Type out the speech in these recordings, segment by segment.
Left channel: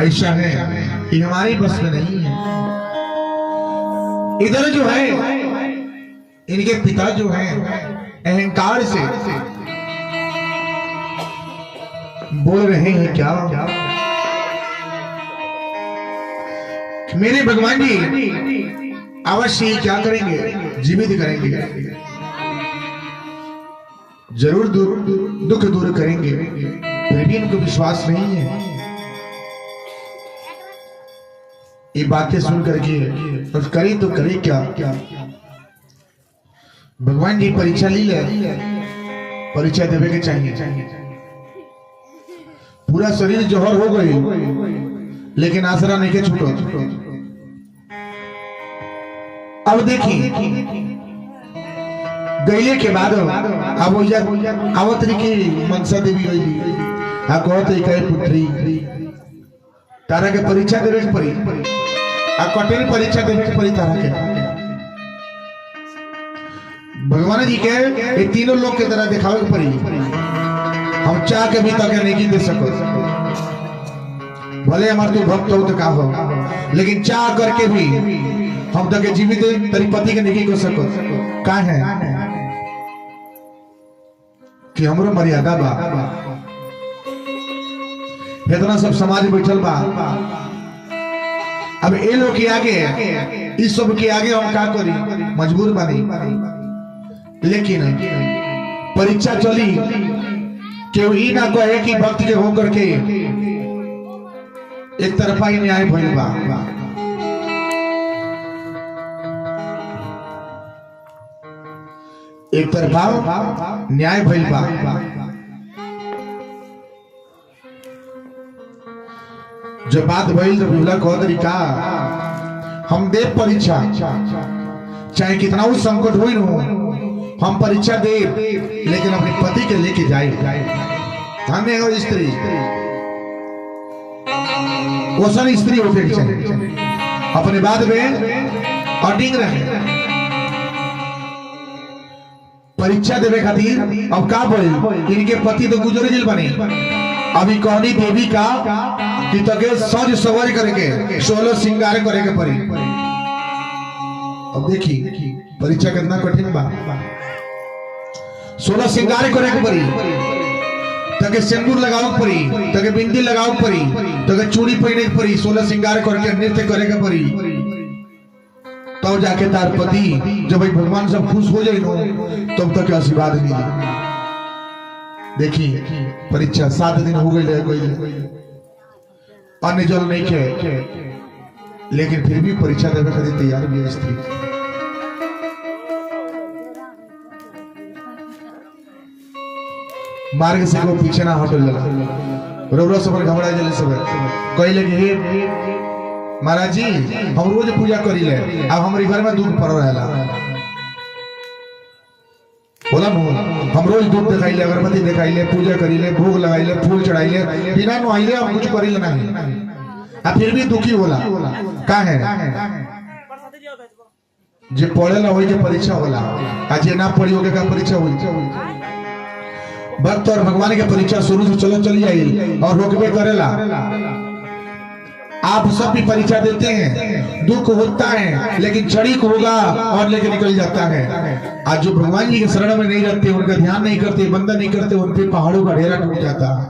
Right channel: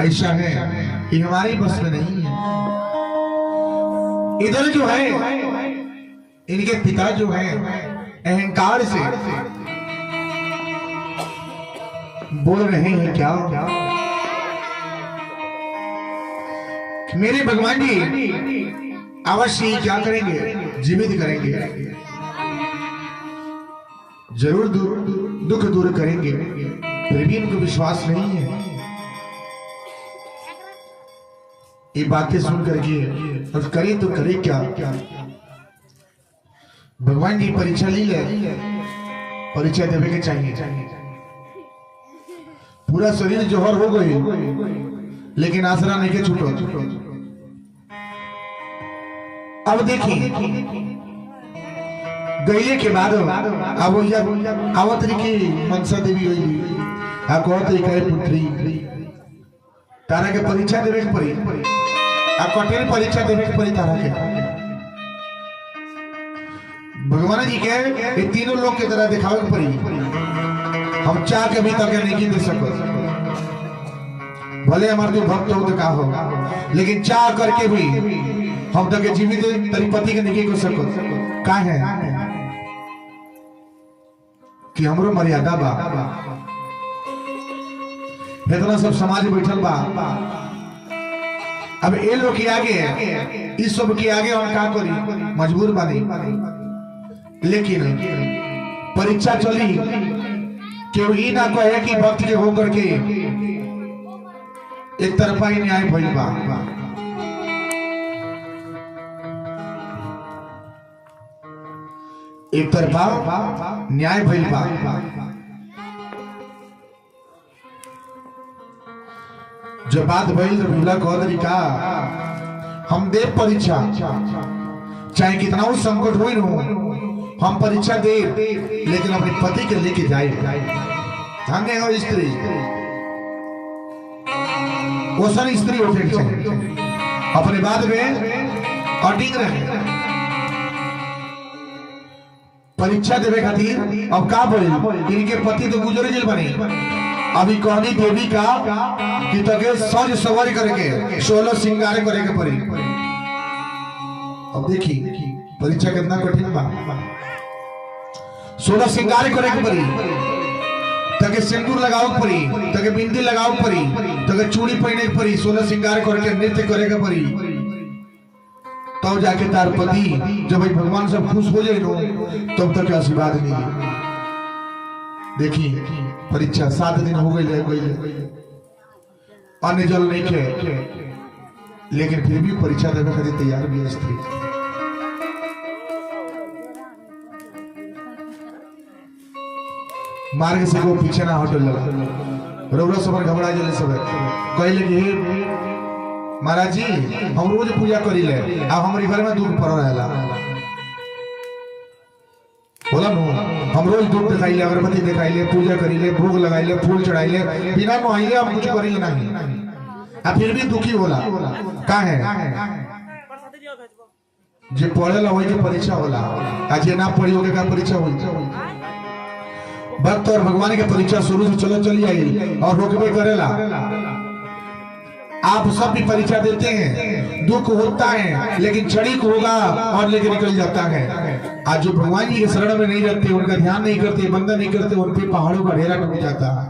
ऐसा है कि हमारी बस में नहीं है। इधर जो है इनके पिता जो है अहंकार से बोल रहे हैं क्या मेरे भगवान जी अवश्य ही क्या करेंगे, जीवित करेंगे, जरूर दुख दूर करेंगे। फिर भी इनको विश्वास नहीं है। ये बातें सुन करके और करे तो करे क्या। भगवान जी परीक्षा ली ले, परीक्षा देवे के चाहिए। पूरा शरीर जोहर हो गई लेकिन आसरा नहीं के छूटो। अब देखिए गईले के बाद अब आवतरी की मनसा देवी गई आ कहते कहे पुत्री तारा के परीक्षा देवे के पड़ी, आ कटेरी परीक्षा देवे के पड़ी तारा के। भगवान जी के ये तीनों लोग की तरह दिखावे के पड़ी। हम चाह के भी तक नहीं दे सको, भले हमारे तो भक्त हो तो का हो, लेकिन चाह करके भी हम तक जीवित पति के नहीं कर सको। का है कि हमरो मर्यादा बा, इतना सब समाज बैठल बा। अब ये लोग के आगे, इस सब के आगे हम का करी, मजबूर बानी। लेकिन परीक्षा चली, केहू ही ना कहे कि भक्त के होकर के एक तरफा ही न्याय भइल बा। एक तरफा न्याय भइल बा। जब बात भइल तो भूला कह तरीका हम दे परीक्षा, चाहे कितना भी संकट हुई हो, हम परीक्षा दे, लेकिन अपने पति के लेके जाए। हमें हो स्त्री कोशन स्त्री होते अपने बाद में अटिंग रहे परीक्षा देवे खातिर। अब का बोले इनके पति तो गुजरे जेल बने। अभी कहनी देवी का कि तके सज सवारी करके 16 श्रृंगार करे के पड़ी। अब देखी परीक्षा कितना कठिन बा। 16 श्रृंगार करे के पड़ी, तके सिंदूर लगाओ पड़ी, तके बिंदी लगाओ पड़ी, तके चूड़ी पहने के पड़ी, 16 श्रृंगार करके नृत्य करे के पड़ी। तब जाके तार पति जब भगवान सब खुश हो जाए तब तक आशीर्वाद मिले। देखी परीक्षा 7 दिन हो गए, अन्य जल नहीं खे, लेकिन फिर भी परीक्षा देने के लिए तैयार भी स्त्री। मार्ग से को पीछे ना हटो जाला, रोबरा सब घबरा जले सब कहले कि महाराज जी हम रोज पूजा करी ले, अब हमारे घर में दुख पड़ रहेला। बोला हम रोज दूध दिखाइले, अगरबत्ती दिखाइले, पूजा करीले, भोग लगाइले, फूल चढ़ाइले, बिना नुआइले हम कुछ करीले नहीं, अब फिर भी दुखी होला। का है जे पढ़ेला वही के परीक्षा होला, आज ना पढ़ी होके का परीक्षा हुई। भक्त और भगवान की परीक्षा शुरू से चलो चली जाएगी और रोकबे करेला। आप सब भी परीक्षा देते हैं, दुख होता है, लेकिन क्षणिक होगा और लेके निकल जाता है। आज जो भगवान जी के शरण में नहीं रहते, उनका ध्यान नहीं करते, बंदन नहीं करते, उन पे पहाड़ों का ढेरा टूट जाता है।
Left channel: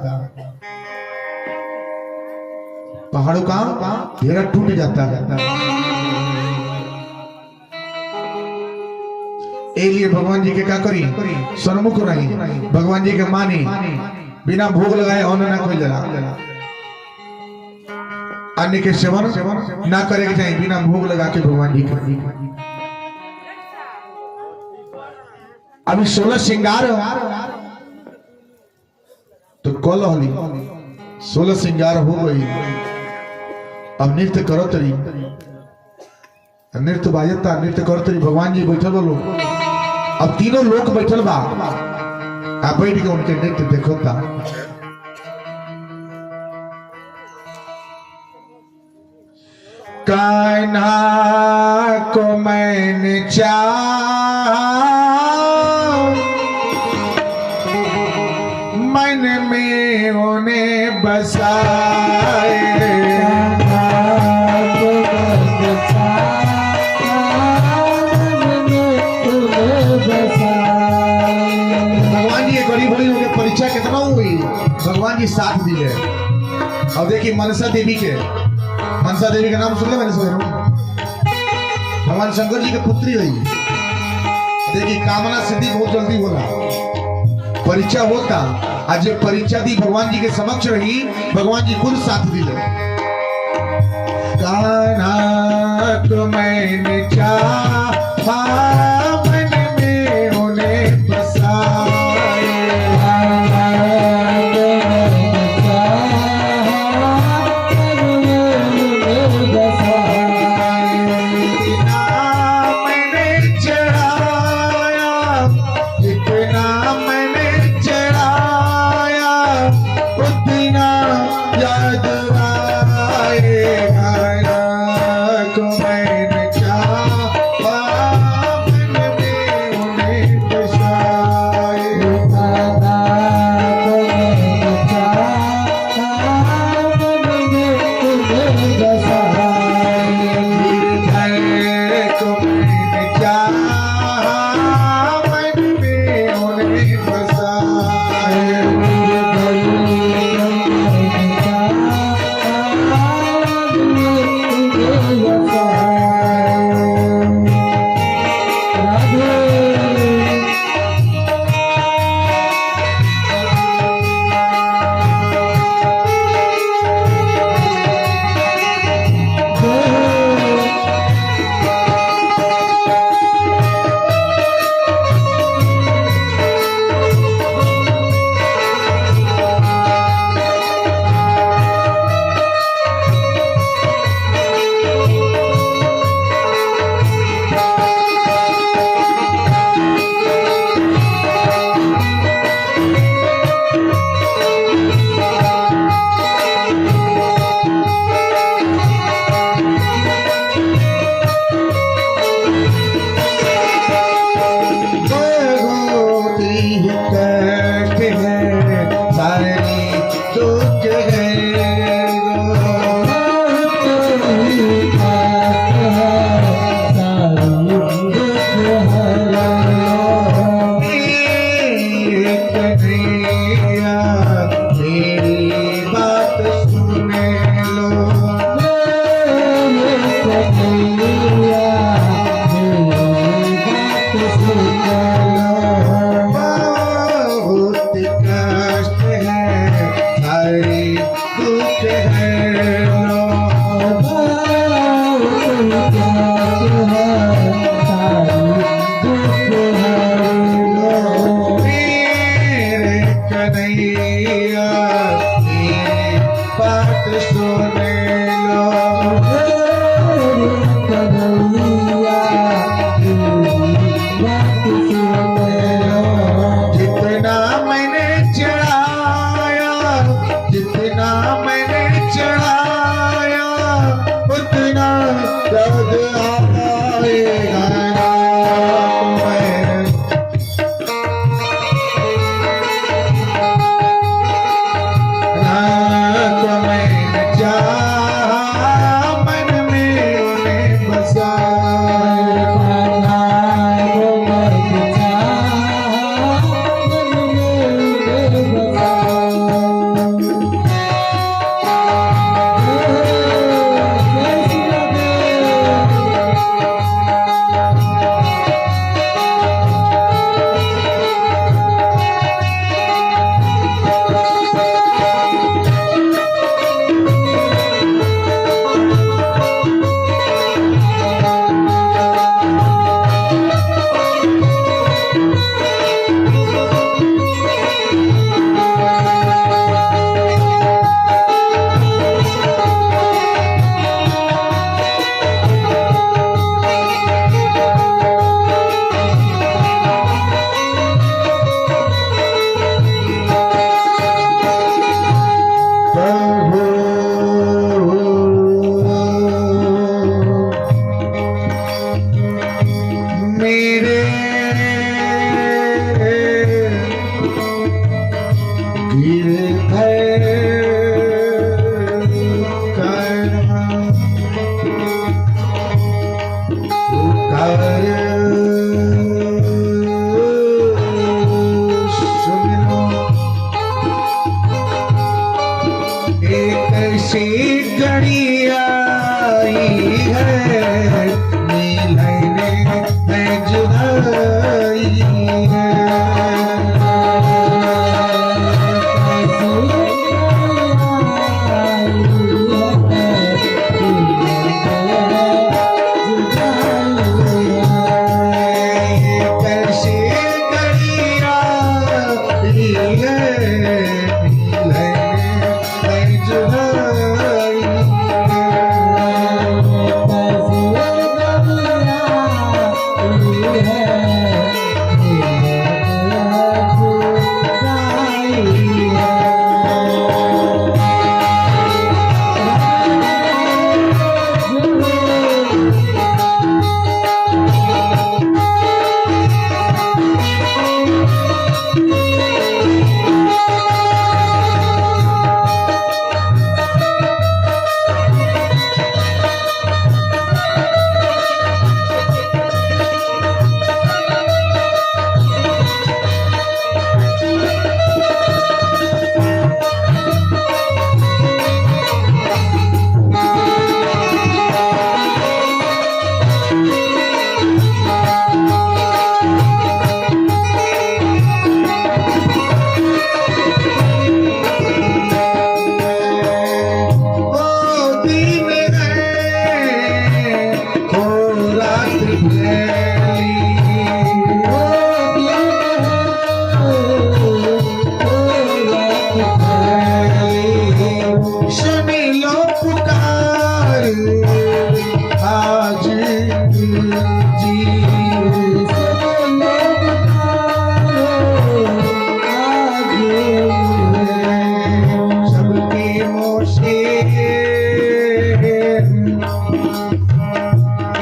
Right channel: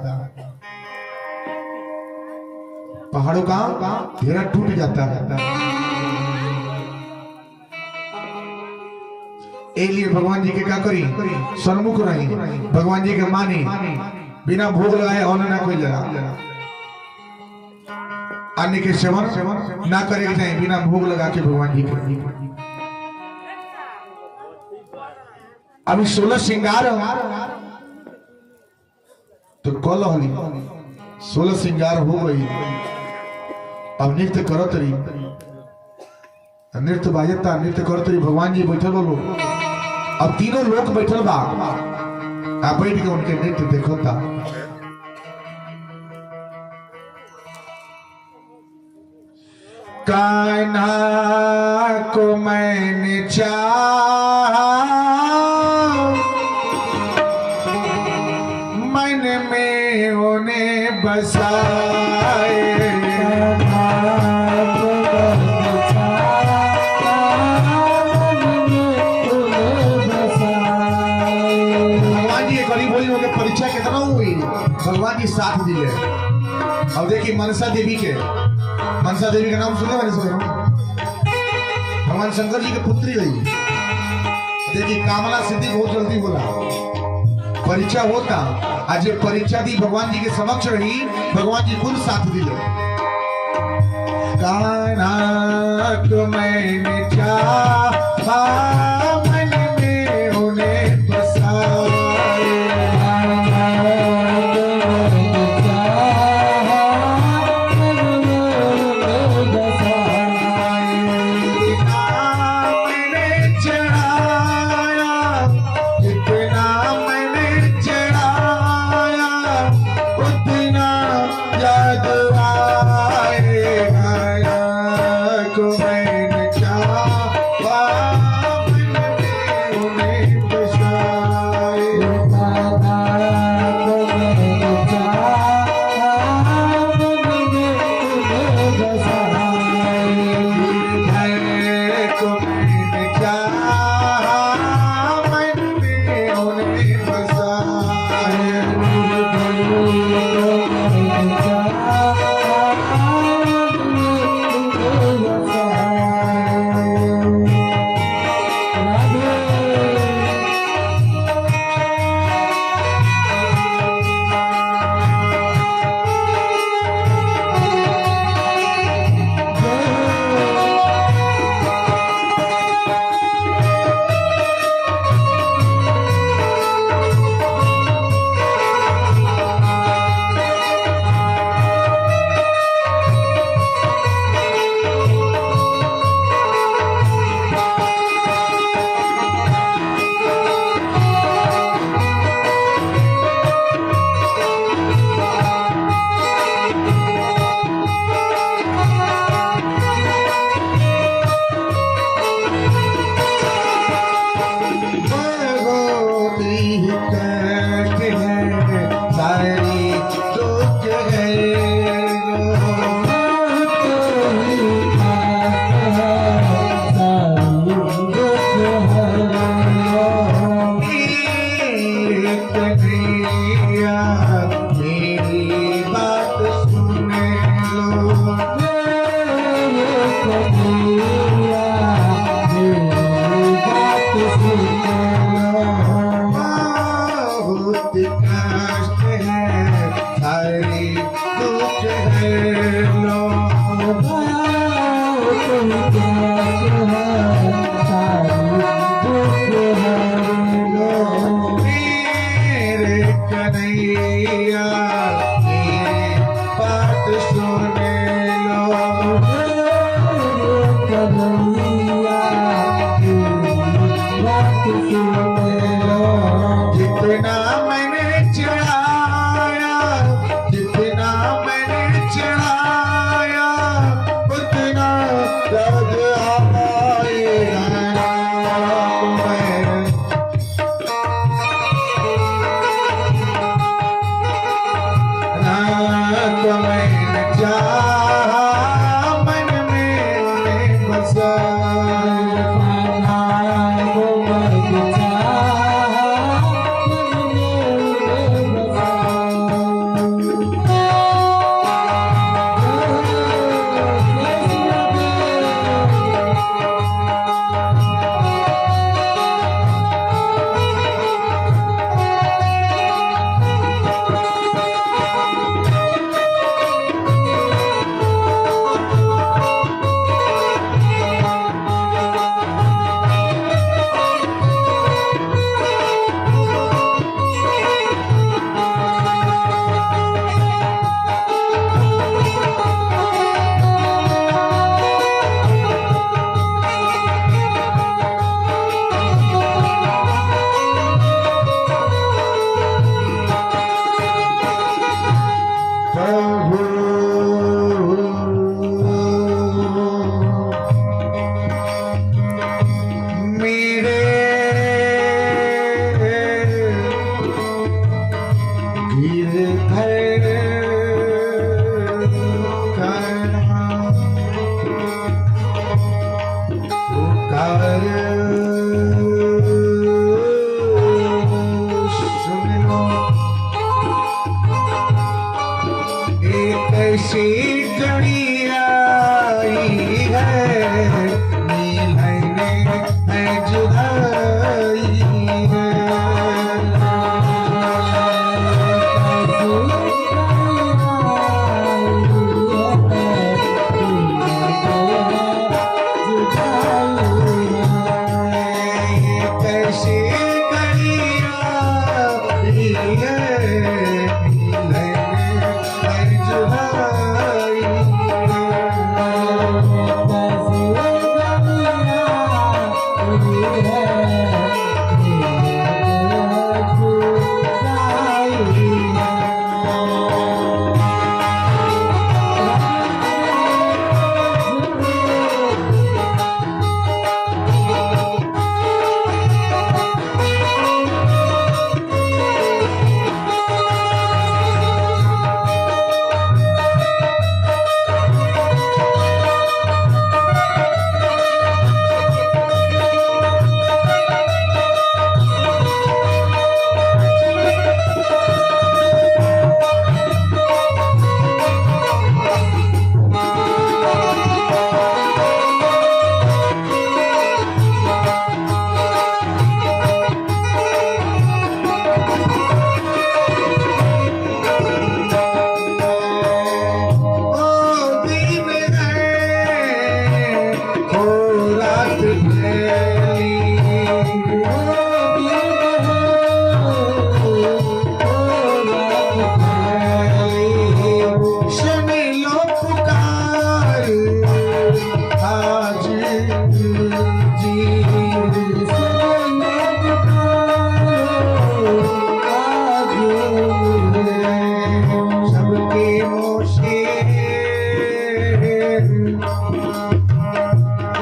पहाड़ों का ढेरा टूट जाता है। एक लिए भगवान जी के क्या करी, सन्मुख रही, भगवान जी के मानी, बिना भोग लगाए होने ना कोई लगा। अन्य के सेवन ना करे के चाहिए, बिना भोग लगा के भगवान जी के। अभी 16 श्रृंगार तो कल होली 16 श्रृंगार हो गई। अब नृत्य करो तरी, नृत्य बाजता, नृत्य करो तरी, भगवान जी बैठल बोलो। अब तीनों लोग बैठल बा, आप बैठ के उनके नृत्य देखो था। कान्हा को मैंने चाहा, मन में उन्हें बसाए। साथ दिले। अब देखिए मनसा देवी का नाम सुन लो भगवान शंकर जी की पुत्री हुई। देखिए कामना सिद्धि बहुत जल्दी होला। परीक्षा होता आज परीक्षा दी भगवान जी के समक्ष रही, भगवान जी खुद साथ दिले। कान्हा को मैंने चाहा मन में उन्हें बसाया, जितना मैंने चढ़ाया कैसे घड़ी आई है मिलने में जुदाई है।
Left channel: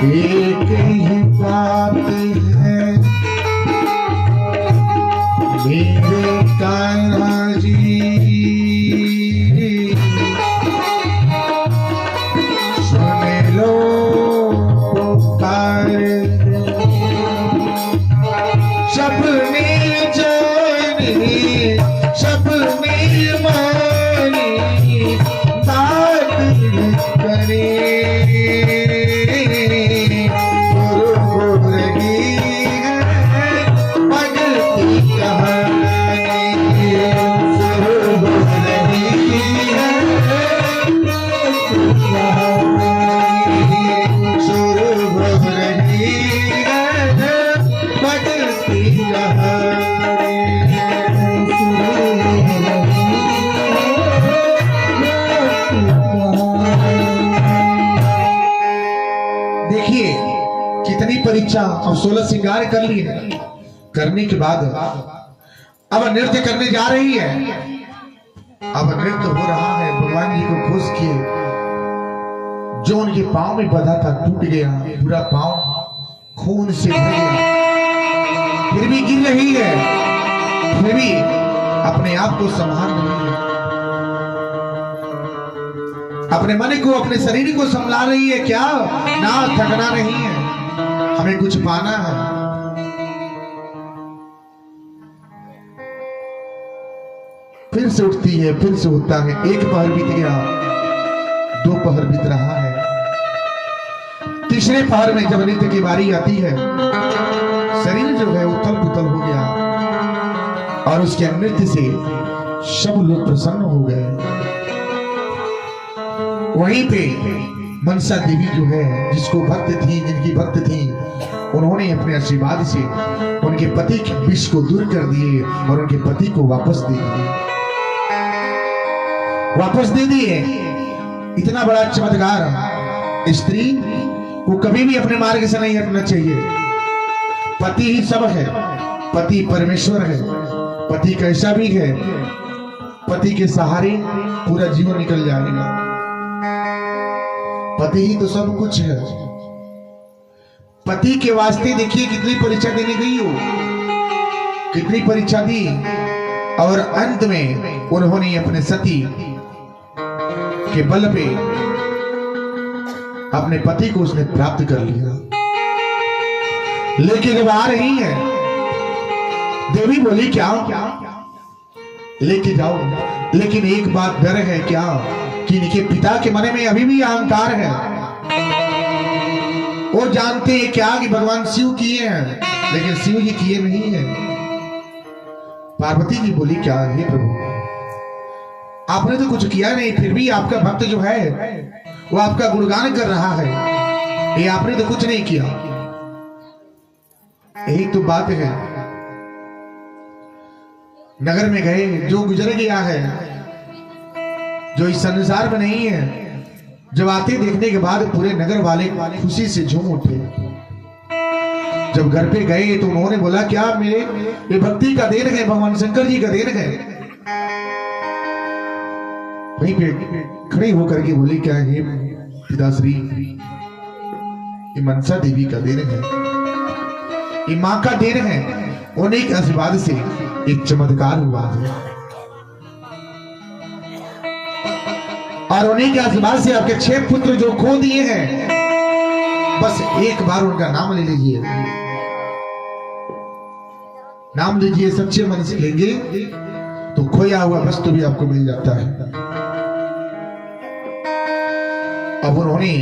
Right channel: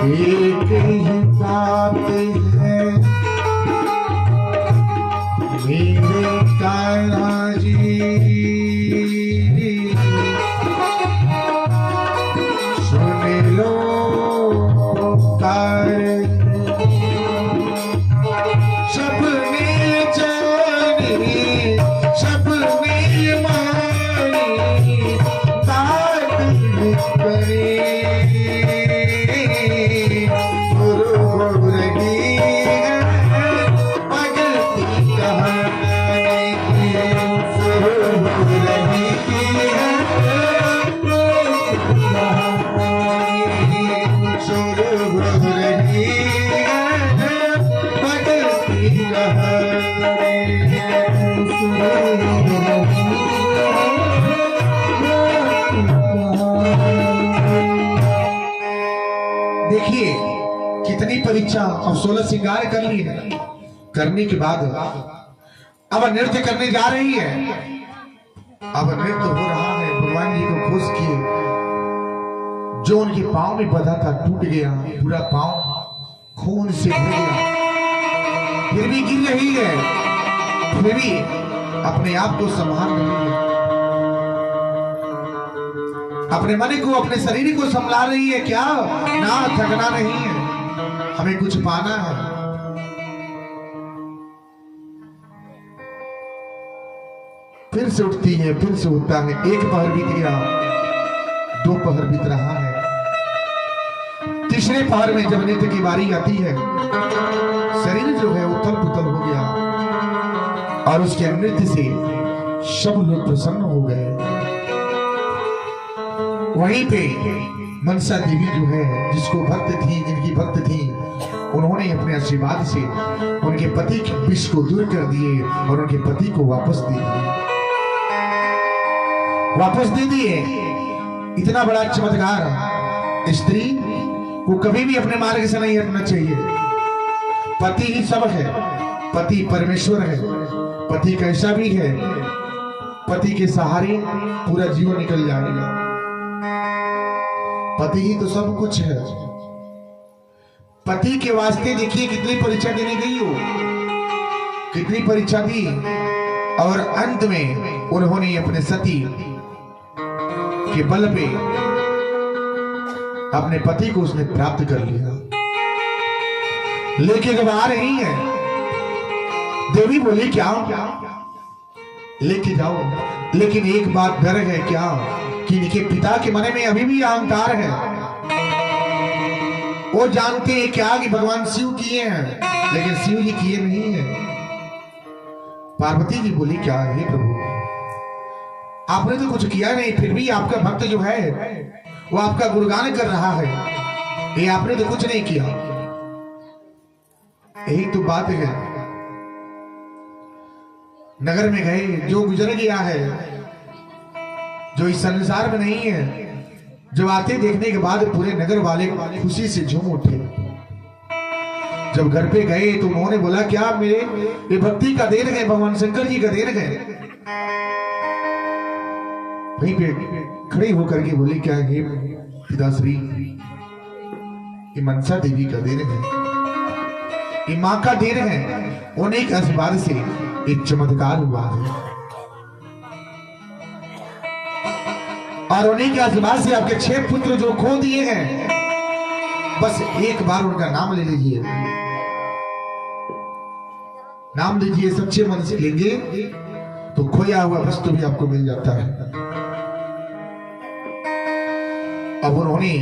एक ही बात है मेरे तारा जी, सुन लो पुकार सबने जानी सबने मानी बात करे देखिए कितनी परीक्षा अब 16 श्रृंगार कर ली है, करने के बाद अब नृत्य करने जा रही है। अब नृत्य हो रहा है, भगवान जी को खुश किए, जो उनके पांव में बंधा था टूट गया, पूरा पांव खून से भर गया, फिर भी गिर रही है, फिर भी अपने आप को संभाल रही है, अपने मन को अपने शरीर को संभाल रही है। क्या ना थकना नहीं है, हमें कुछ पाना है। फिर से उठती है, फिर से उठता है, एक पहर बीत गया, दो पहर बीत रहा है, तीसरे पहर में जब नृत्य की बारी आती है, शरीर जो है उथल पुथल हो गया और उसके नृत्य से सब लोग प्रसन्न हो गए। वहीं पे मनसा देवी जो है, जिसको भक्त थी, जिनकी भक्त थी, उन्होंने अपने आशीर्वाद से उनके पति के विष को दूर कर दिए और उनके पति को वापस दे दिए। इतना बड़ा चमत्कार, स्त्री को कभी भी अपने मार्ग से नहीं हटना चाहिए। पति ही सब है, पति परमेश्वर है, पति कैसा भी है, पति के सहारे पूरा जीवन निकल जाएगा। पति ही तो सब कुछ है। पति के वास्ते देखिए कितनी परीक्षा देने गई हो, कितनी परीक्षा दी, और अंत में उन्होंने अपने सती के बल पे अपने पति को उसने प्राप्त कर लिया। लेकिन अब आ रही है देवी, बोली क्या लेके जाओ, लेकिन एक बात डर है क्या, कि इनके पिता के मन में अभी भी अहंकार है। वो जानते हैं क्या कि भगवान शिव किए हैं, लेकिन शिव जी किए नहीं है। पार्वती जी बोली क्या है प्रभु, आपने तो कुछ किया नहीं, फिर भी आपका भक्त जो है वो आपका गुणगान कर रहा है, ये आपने तो कुछ नहीं किया। यही तो बात है, नगर में गए, जो गुजर गया है, जो इस संसार में नहीं है, जब आते देखने के बाद पूरे नगर वाले खुशी से झूम उठे। जब घर पे गए तो उन्होंने बोला क्या मेरे ये भक्ति का देन है, भगवान शंकर जी का देन है। वहीं पे खड़ी होकर के बोली क्या है पिताश्री, ये मनसा देवी का देन है, ये माँ का देन है। उन्हीं के आशीर्वाद से एक चमत्कार हुआ है, और उन्हीं के आशीर्वाद से आपके 6 पुत्र जो खो दिए हैं, बस एक बार उनका नाम ले लीजिए, नाम लीजिए, सच्चे मन से लेंगे तो खोया हुआ वस्तु भी आपको मिल जाता है। अब उन्होंने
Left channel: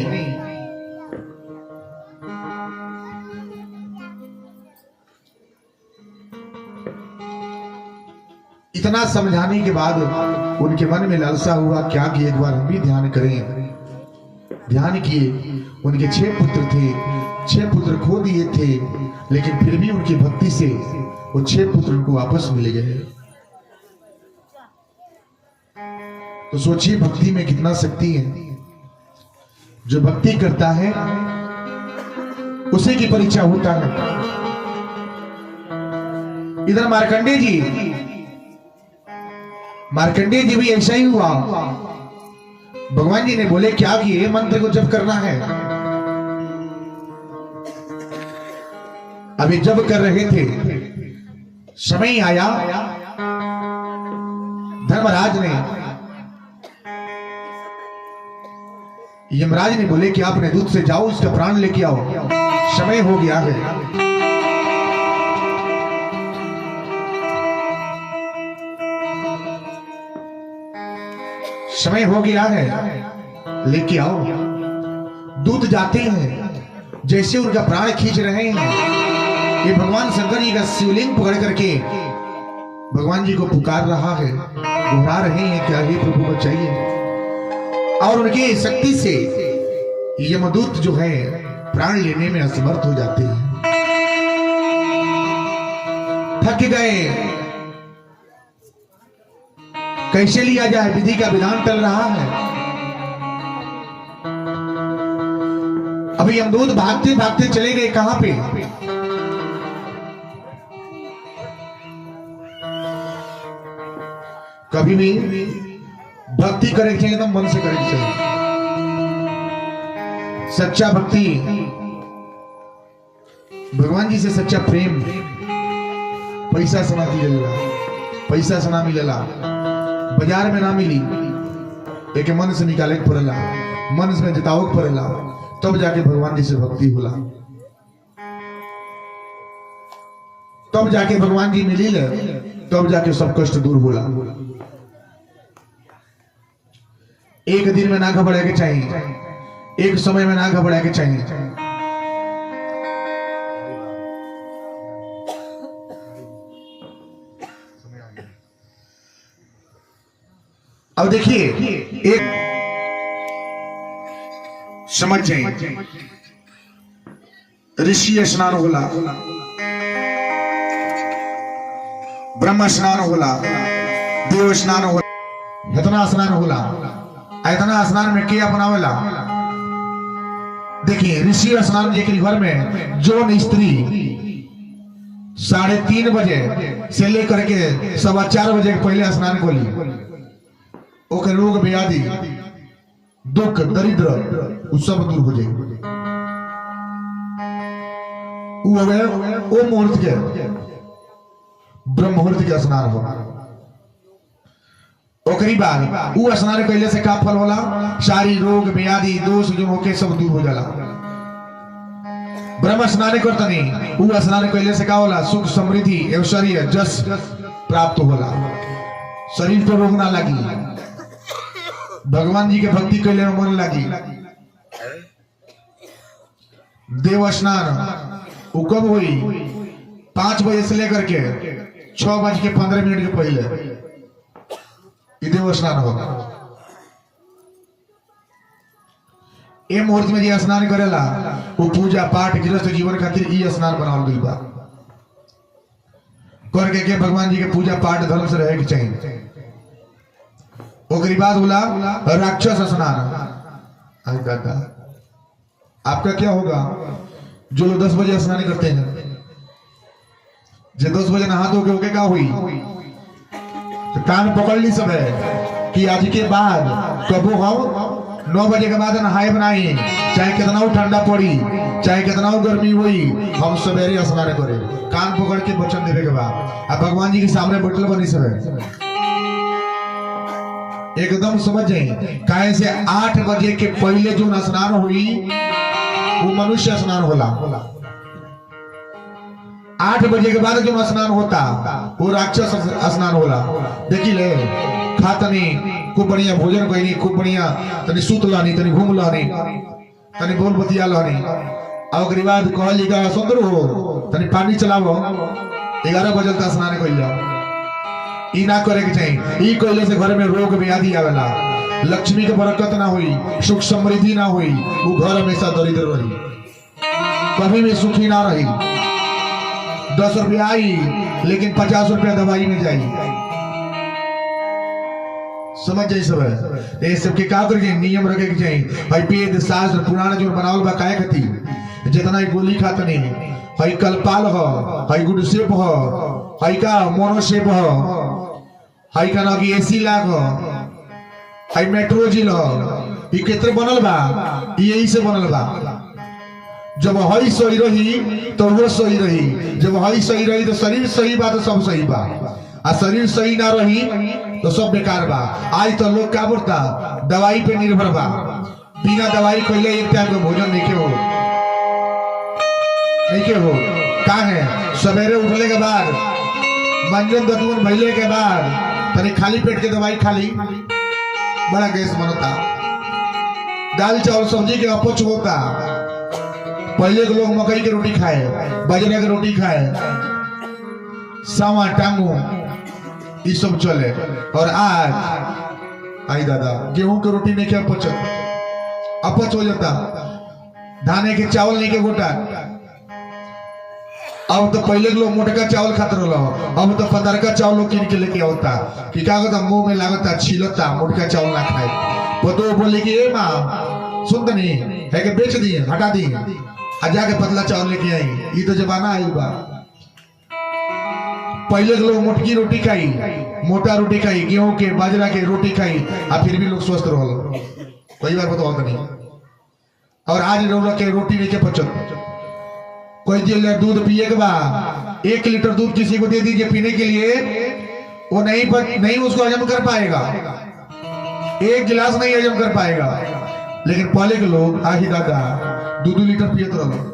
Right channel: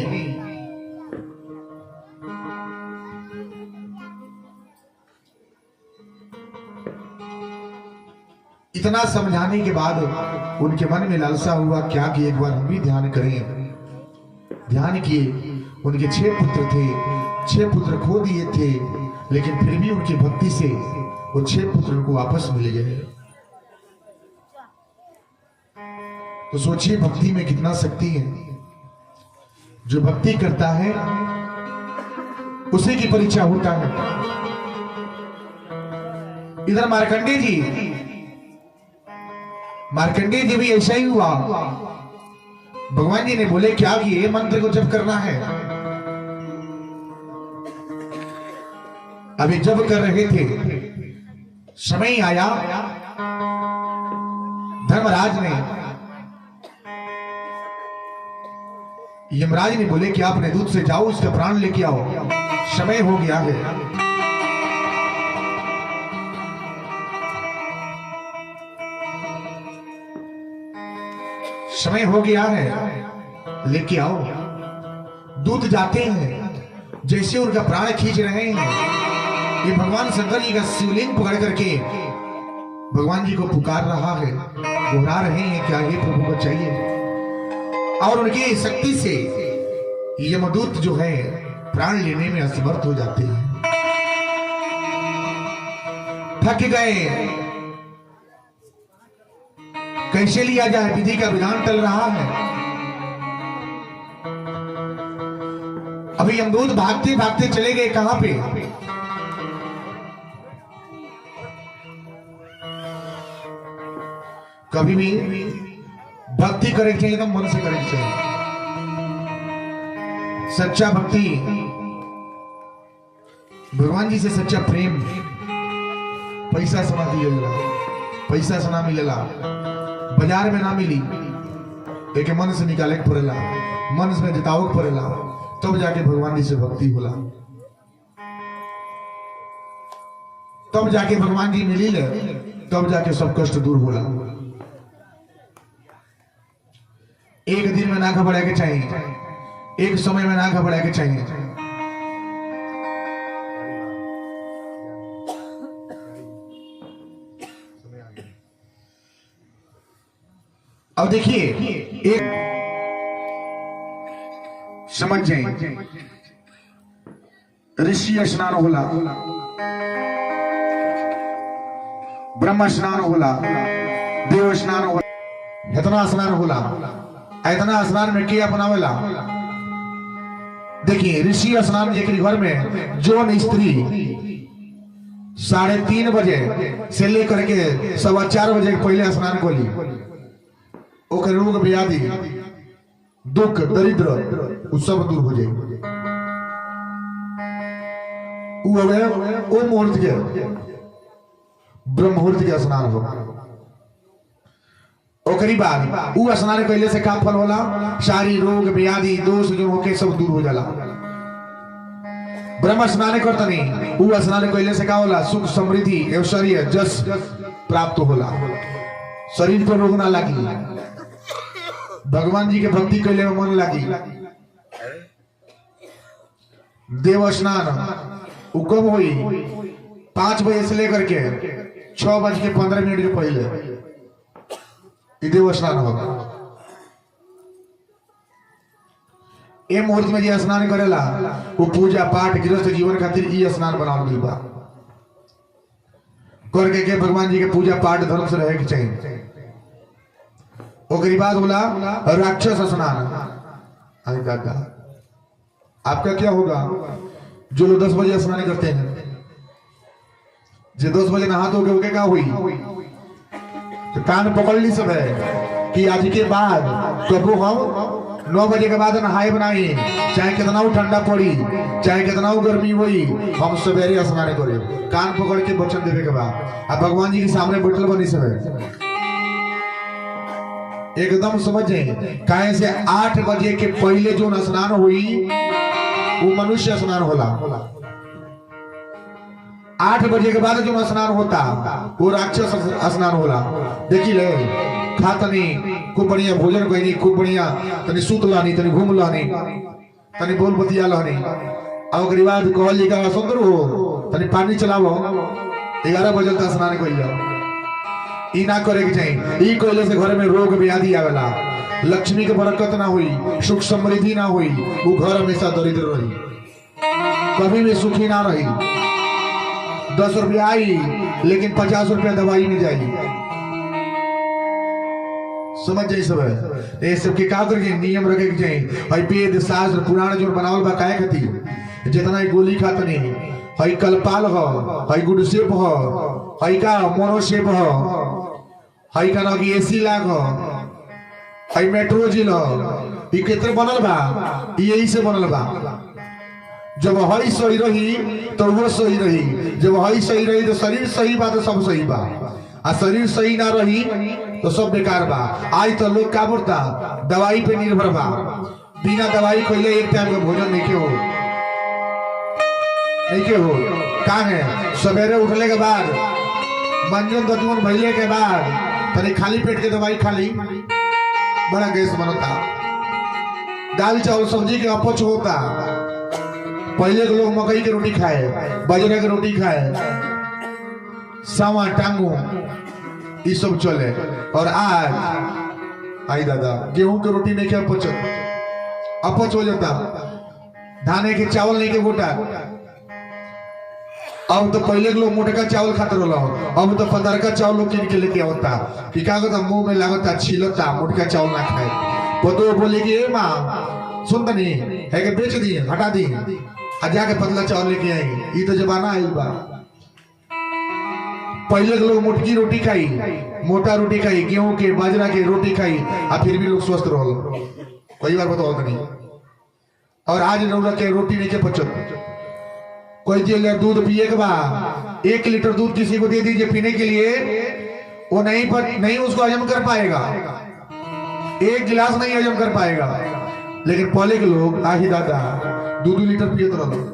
इतना समझाने के बाद उनके मन में लालसा हुआ क्या कि एक बार हम भी ध्यान करें। ध्यान किए, उनके 6 पुत्र थे, 6 पुत्र खो दिए थे, लेकिन फिर भी उनकी भक्ति से वो 6 पुत्र उनको वापस मिल गए। तो सोचिए भक्ति में कितना शक्ति है। जो भक्ति करता है उसी की परीक्षा होता है। इधर मार्कंडेय जी भी ऐसा ही हुआ। भगवान जी ने बोले क्या कि ये मंत्र को जप करना है। अभी जब कर रहे थे, समय आया, धर्मराज ने, यमराज ने बोले कि आपने दूध से जाओ, उसका प्राण लेके आओ, समय हो गया है। समय हो गया है, लेके आओ। दूध जाते हैं, जैसे उनका प्राण खींच रहे हैं, ये भगवान शंकर जी का शिवलिंग पकड़ करके भगवान जी को पुकार रहा है, घुरा रहे हैं क्या हे प्रभु को चाहिए। और उनकी शक्ति से यमदूत जो है प्राण लेने में असमर्थ हो जाते हैं, थक गए। कैसे लिया जाए, विधि का विधान चल रहा है। अभी यमदूत भागते भागते चले गए कहां पे, कभी भी भक्ति करें चाहिए तो मन से करें चाहिए। सच्चा भक्ति, भगवान जी से सच्चा प्रेम, पैसा से ना मिलेला, पैसा से ना मिलेला, बाजार में ना मिली, एक मन से निकाले के पड़ेला, मन से जिताओ के पड़ेला, तब जाके भगवान जी से भक्ति होला, तब जाके भगवान जी मिली ले, तब जाके सब कष्ट दूर होला। एक दिन में ना घबरा के चाहिए, एक समय में ना घबरा के चाहिए। अब देखिए, एक समझ जाए, ऋषि स्नान होला, ब्रह्म स्नान होला, देव स्नान होला, इतना स्नान होला। इतना स्नान में क्या बनावेला? देखिए, ऋषि स्नान जी के घर में जोन स्त्री 3:30 बजे से लेकर के 4:15 बजे पहले स्नान को ली, ओकर रोग व्याधि दुख दरिद्र वो सब दूर हो जाए। वो मुहूर्त के ब्रह्म मुहूर्त के स्नान होगा। ओकरी बाद वो स्नान कैले से का फल होला? सारी रोग व्याधि दोष जो होके सब दूर हो जाला। ब्रह्म स्नान करता नहीं, वो स्नान कैले से का होला? सुख समृद्धि ऐश्वर्य जस प्राप्त होला, शरीर पर रोग ना लगी। भगवान जी के भक्ति कैले में मन लागी। देव स्नान वो कब हुई? 5 बजे से लेकर के 6:15 के पहले देव स्नान होगा। ए मुहूर्त में जे स्नान करेला वो पूजा पाठ गृहस्थ जीवन खातिर ई स्नान बनावल गइल बा। करके के भगवान जी के पूजा पाठ धर्म से रहे के चाहिए। ओकरी बाद बोला राक्षस स्नान। दादा आपका क्या होगा? जो लोग 10 बजे स्नान करते हैं, जो 10 बजे नहा धो के क्या हुई? तो कान पकड़ ली सब है कि आज के बाद कबो हम 9 बजे के बाद नहाए बनाए, चाहे कितना ठंडा पड़ी, चाहे कितना गर्मी हुई, हम सवेरे स्नान करे। कान पकड़ के वचन देवे के बाद अब भगवान जी के सामने बैठल बनी सब एकदम समझ जाए। काहे से 8 बजे के पहले जो स्नान हुई वो मनुष्य स्नान होला। 8 बजे के बाद जो स्नान होता वो राक्षस स्नान होला। देखी ले खातनी खूब बढ़िया भोजन करी, खूब बढ़िया तनी सूत लानी, तनी घूम लानी, तनी बोल बतिया लानी। और बाद कहल जी का सुंदर हो तनी पानी चलावो, 11 बजे का स्नान कर जाओ। ई ना करे के चाहिए। ई कहले से घर में रोग व्याधि आवेला, लक्ष्मी के बरकत ना हुई, सुख समृद्धि ना हुई, वो घर हमेशा दरिद्र रही, कभी भी सुखी ना रही। 10 रुपया आई लेकिन 50 रुपया दवाई में जाएगी। समझ जाए सब ये सब के का करके नियम रखे के चाहिए। भाई वेद शास्त्र पुराण जो बनावल बा काहे खातिर? जितना ही गोली खातनी भाई कलपाल हो, भाई गुडसेप हो, भाई का मोनोसेप हो, भाई का ना एसी लाग हो, भाई मेट्रोजिल हो, ये कितने बनल बा? यही से बनल बा। जब हई सही रही तो वो सही रही, जब हई सही रही तो शरीर सही बा तो सब सही बा, आ शरीर सही ना रही तो सब बेकार बा। आज तो लोग का बोलता दवाई पे निर्भर बा, बिना दवाई कोई एक टाइम में भोजन नहीं के हो का है। सवेरे उठने के बाद मंजन दतवन भैले के बाद तनी खाली पेट के दवाई खाली, बड़ा गैस बनता। दाल चावल सब्जी के अपच होता। पहले के लोग मकई की रोटी खाए, बाजरा की रोटी खाए, सावा टांगो ये सब चले। और आज आई दादा गेहूं की रोटी नहीं क्या अपच हो जाता, धाने के चावल नहीं के गोटा। अब तो पहले के लोग मोटका चावल खाते रहो, अब तो पतरका चावल लोग किन के लेके होता कि क्या होता मुंह में लागता छिलता, मोटका चावल ना खाए। पतो बोले कि ए माँ सुन तनी है कि बेच दी हटा दी, जाके पतला चावल लेके आई। ये तो जमाना आई बा। पहले के लोग मोटकी रोटी खाई, मोटा रोटी खाई, गेहूं के बाजरा के रोटी खाई, और फिर भी लोग स्वस्थ रहो। कई बार बताओ नहीं। और आज लोग के रोटी नहीं के पचत। कोई लीटर दूध पिए के बाद 1 लीटर दूध किसी को दे दीजिए पीने के लिए, वो नहीं उसको हजम कर पाएगा, 1 गिलास नहीं हजम कर पाएगा। लेकिन पहले के लोग आही दादा 2-2 लीटर पियत रहो।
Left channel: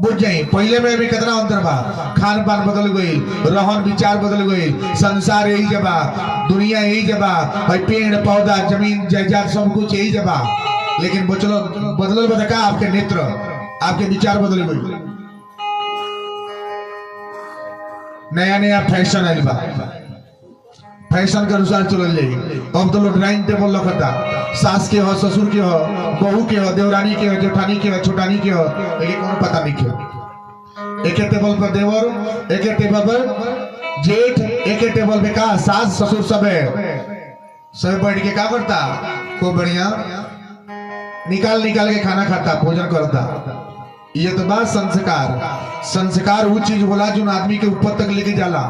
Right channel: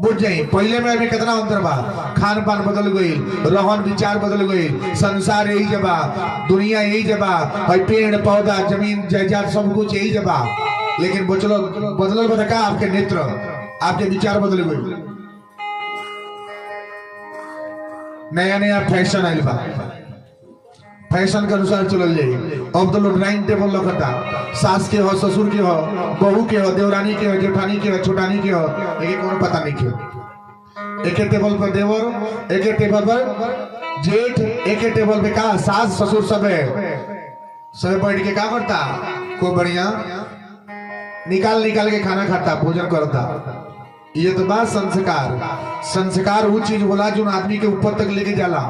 बुझ जाए पहले में अभी कितना अंतर बा। खान पान बदल गई, रहन विचार बदल गई, संसार यही जबा, दुनिया यही जबा, भाई पेड़ पौधा जमीन जायदाद सब कुछ यही जबा। लेकिन बदल बदका आपके नेत्र, आपके विचार बदल गई। नया नया फैशन आयल बा, फैशन के अनुसार चल जाए। अब तो लोग डाइनिंग टेबल रखता, सास के हो, ससुर के हो, बहू के हो, देवरानी के हो, जेठानी के हो, छोटानी के हो, लेकिन कोनो पता नहीं क्यों। एक टेबल पर देवर, एक टेबल पर जेठ, एक टेबल पे का सास ससुर सब है, सब बैठ के क्या करता को बढ़िया निकाल के खाना खाता, भोजन करता। ये तो बात संस्कार। संस्कार वो चीज होला जो आदमी के ऊपर तक लेके जाला,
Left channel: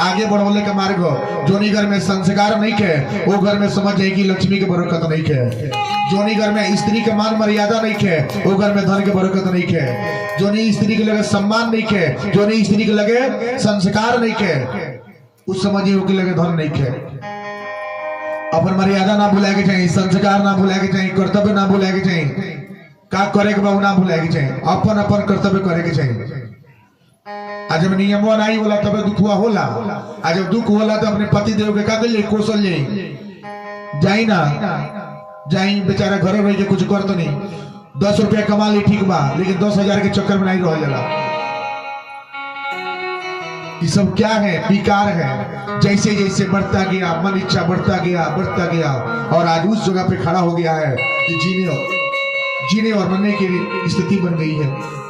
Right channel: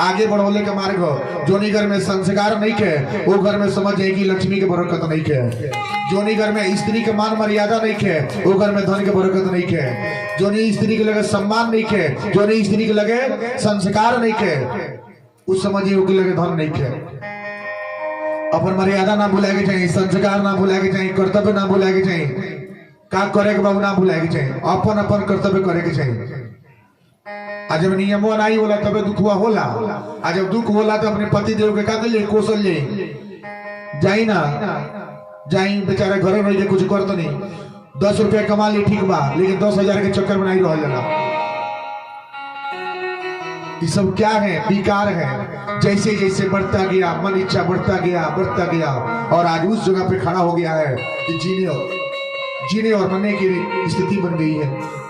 आगे बढ़ोले के मार्ग। जोनी घर में संस्कार नहीं है वो घर में समझ जाए कि लक्ष्मी के बरकत नहीं है। जोनी घर में स्त्री के मान मर्यादा नहीं है वो घर में धन के बरकत नहीं है। जोनी स्त्री के लगे सम्मान नहीं है, जोनी स्त्री के लगे संस्कार नहीं है, उस समझिए के लगे धन नहीं है। अपन मर्यादा ना भूला के चाहिए, संस्कार ना भूला के चाहिए, कर्तव्य ना भूला के चाहिए, का करे के बाबू ना भूला के चाहिए, अपन अपन कर्तव्य करे के चाहिए। आज जब नियमो नहीं होला तब दुख हुआ होला। आज जब दुख होला तो अपने पति देव के का ले कोसल ले जाई ना जाई बेचारा घर रह के कुछ करत नहीं 10 रुपया कमा ली ठीक बा लेकिन 10,000 के चक्कर में नहीं रह जाला। ये सब क्या है? विकार है। जैसे जैसे बढ़ता गया मन इच्छा बढ़ता गया और आज उस जगह पे खड़ा हो गया है कि जीने और मरने की स्थिति बन गई है।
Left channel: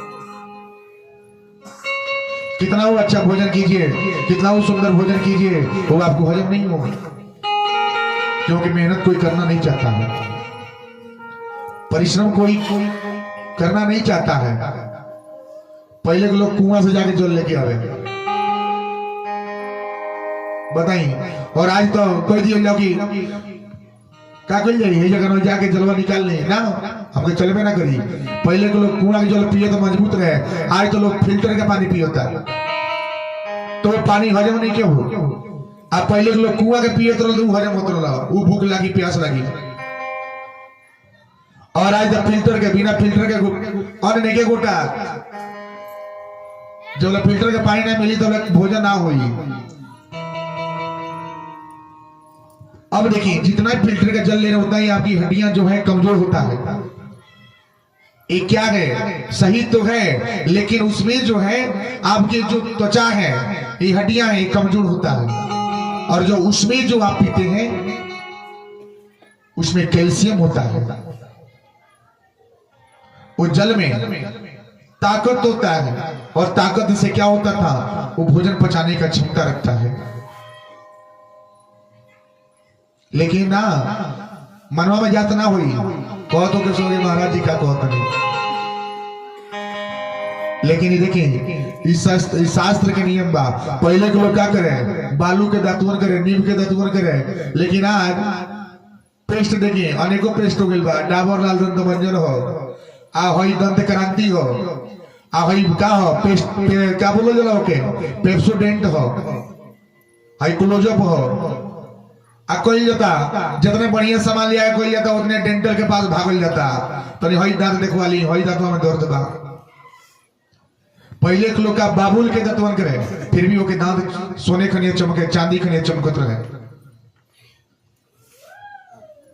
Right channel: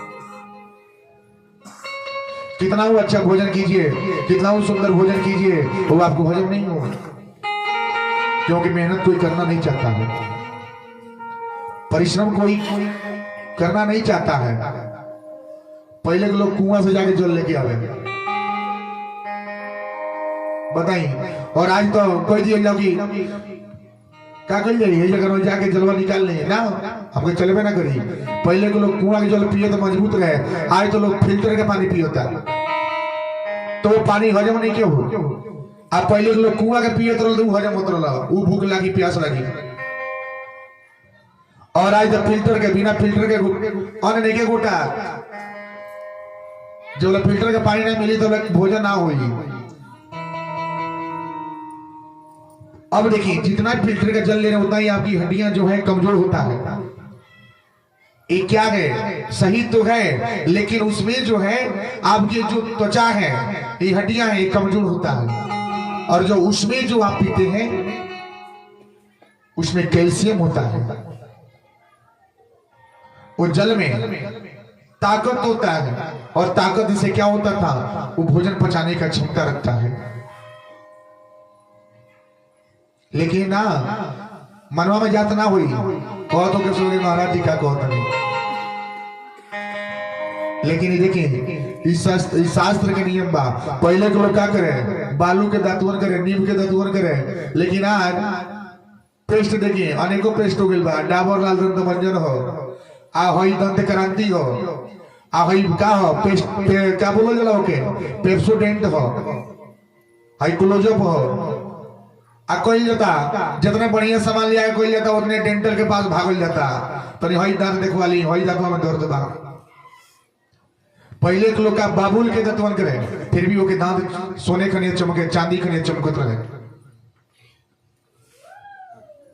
कितना वो अच्छा भोजन कीजिए, कितना वो सुंदर भोजन कीजिए, वो आपको हजम नहीं होगा क्योंकि मेहनत कोई करना नहीं चाहता है, परिश्रम कोई करना नहीं चाहता है। पहले के लोग कुआं से जाके जल लेके आवे बताइए, और आज तो कोई दिया जाओ कि क्या कर जाइए जगह जाके जलवा निकाल ले ना, हमके चलबे ना करी। पहले के लोग कुआं के जल पिए तो मजबूत रहे, आज तो लोग फिल्टर का पानी पियोता तो वो पानी हजम नहीं क्यों हो। आप पहले के लोग कुआं के पिए तो हजम होता रहा, वो भूख लगी प्यास लगी, और आज तो फिल्टर के बिना फिल्टर के अन्य के गोटा जब फिल्टर के पानी नहीं मिली तो भोजन ना हुई। अब देखिए जितना फिल्टर का जल ले रहे उतना ही आपकी हड्डियां जो है कमजोर होता है। ये क्या है? सही तो है लेकिन उसमें जो है आपके जो त्वचा है ये हड्डियां है कमजोर होता है, और जो उसमें जो आप पीते हैं उसमें कैल्शियम होता है। वो जल में ताकत होता है, और ताकत से क्या होता था? वो भोजन पचाने का क्षमता रखता है। लेकिन ना मनवा में जात ना हुई कहो तो के महाराज जी का कहते नहीं। लेकिन देखिए इस शास्त्र के नियम बा। पहले के लोग क्या करे? बालू के दातुअन करे, नीम के दातुअन करे, लेकिन आज पेस्ट देखिए अनेकों पेस्ट हो गई बा। डाबर लाल दंत मंजन हो, आ हई दंत क्रांति हो, आ हई का हो पेस्ट क्या बोलो जला ओके पेप्सोडेंट हो, हई क्लोजअप हो, आ कोई जाता जितने बढ़िया सामान लिया है कोई जाता उतने डेंटल के पास भागल जाता तो हई दांत देखवा ली, हई दांतवा में दर्द बा। पहले के लोग का बाबुल के दांतवन करे फिर भी ओके दांत सोने खनिया चमके, चांदी खनिया चमकत रहे।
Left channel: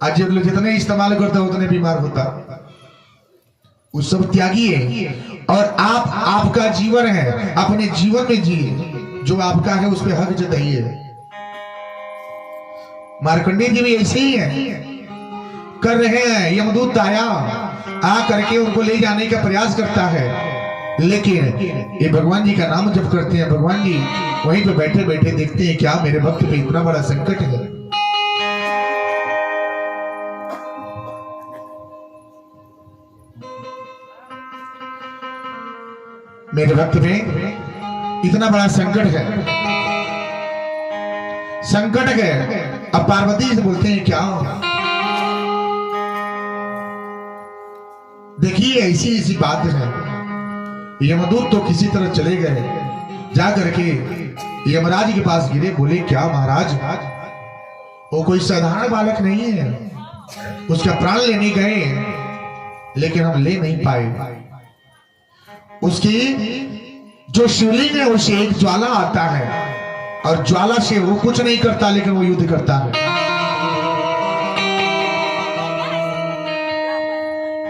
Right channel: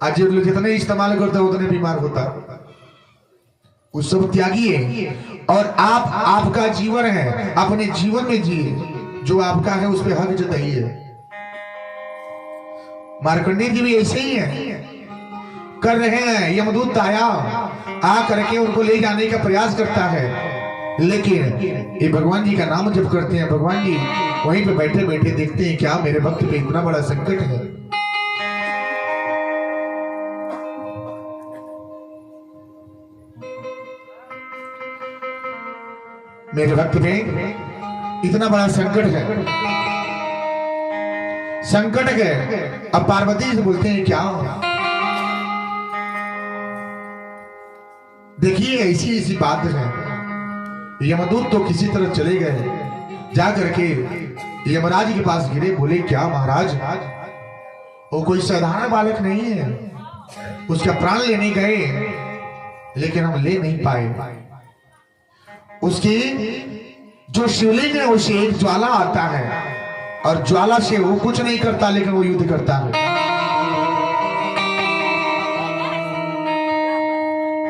आज लोग जितने इस्तेमाल करते उतने बीमार होता। उस सब त्यागी है, और आपका जीवन है, अपने जीवन में जिए, जो आपका है उस पर हक जताइए। मार्कंडेय जी भी ऐसे ही है, कर रहे हैं। यमदूत आया आ करके उनको ले जाने का प्रयास करता है, लेकिन ये भगवान जी का नाम जब करते हैं, भगवान जी वहीं पे बैठे बैठे देखते हैं क्या मेरे भक्त पे इतना बड़ा संकट है। मेरे भक्त में इतना बड़ा संकट है, संकट है। अब पार्वती से बोलते हैं क्या? देखिए ऐसी ऐसी बात है। यमदूत तो किसी तरह चले गए, जा करके यमराज के पास गिरे, बोले क्या महाराज वो कोई साधारण बालक नहीं है, उसका प्राण लेने गए लेकिन हम ले नहीं पाए। उसकी जो शिवलिंग है उसे एक ज्वाला आता है, और ज्वाला से वो कुछ नहीं करता लेकिन वो युद्ध करता है,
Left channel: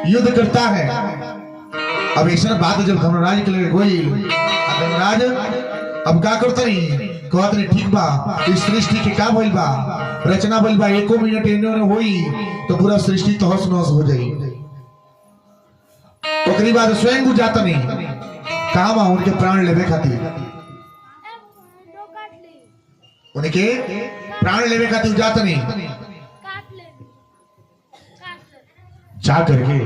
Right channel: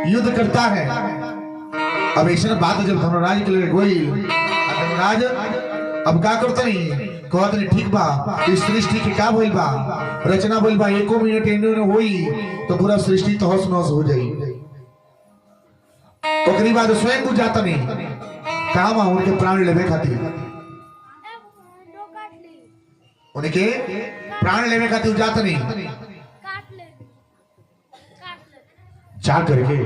युद्ध करता है। अब ऐसा बात जब धर्मराज के लिए गोई, धर्मराज अब क्या करते नहीं कहते नहीं ठीक बा इस सृष्टि के क्या भइल बा, रचना भइल बा, एको मिनट इन्होंने होई तो पूरा सृष्टि तहस नहस हो जाई। ओकरी बाद स्वयं को जाता नहीं काम उनके प्राण लेवे खातिर, उनके प्राण लेवे खातिर जाता नहीं, जा करके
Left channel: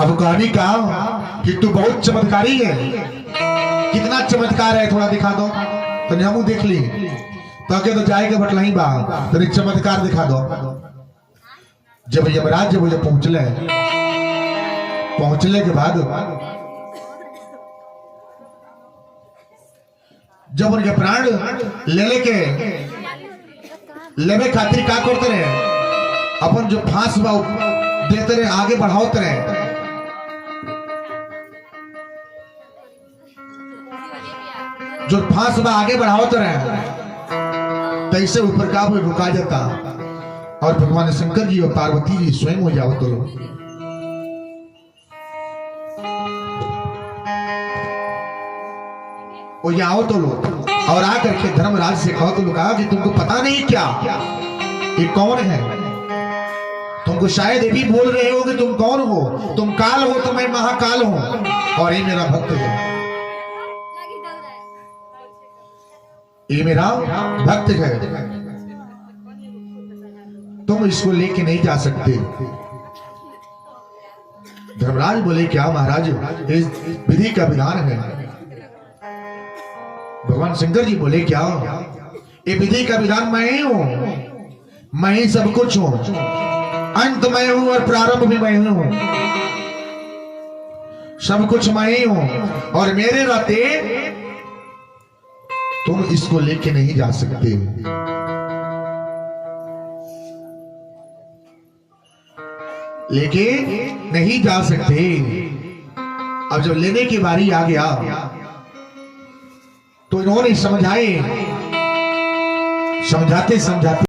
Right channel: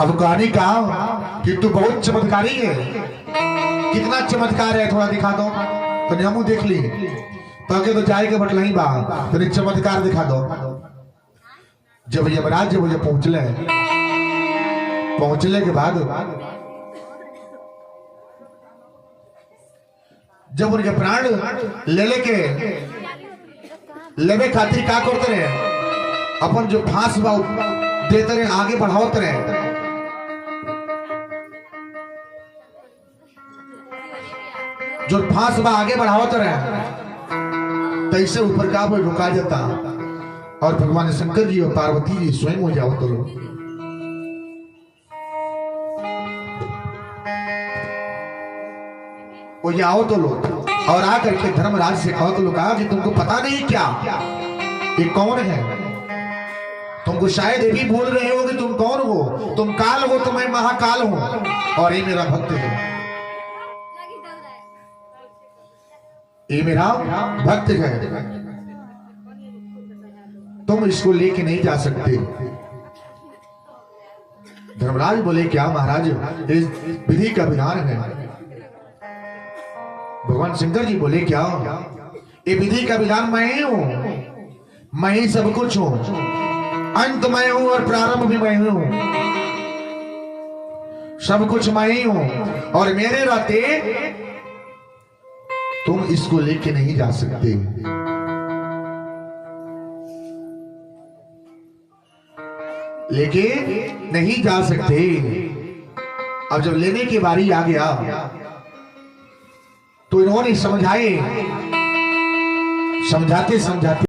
अब कहानी का कि तू बहुत चमत्कारी है, कितना चमत्कार है थोड़ा दिखा दो तो हमू देख ली तो जाएगा बटलही बा तो चमत्कार दिखा दो। जब यमराज जब पहुंचले के बाद जब उनके प्राण लेवे खातिर का करते रहे, अपन जो फांस बा देते रहे, आगे बढ़ाते रहे। जो फांस बा आगे बढ़ावत रहे तैसे ऊपर का कोई रुका जाता और भगवान शंकर जी और पार्वती जी स्वयं हो जाओ करो। वो ये आओ तो लो और आकर के धर्मराज से कहो तो कहा कि तुमको पता नहीं क्या ये कौन है? तुमको शायद ये भी बोल रहे हो कि तुम कौन हो, तुम काल हो तो मैं महाकाल हूं और ये मेरा भक्त है, ये मेरा भक्त है, तुम इसको लेके नहीं जा सकते। धर्मराज बोले क्या महाराज, इस विधि का विधान है। भगवान शंकर जी बोले क्या, ये विधि का विधान मैं ही हूं, मैं ही सब कुछ हूं, अंत मैं हूं और प्रारंभ भी मैं हूं, सब कुछ मैं ही हूं और मेरे रहते तुम इसको लेके नहीं जा सकते। लेके नहीं जा सकते। अब जब लेने की बारी आ गया तो इन्होंने समझाए, समझाते समझाते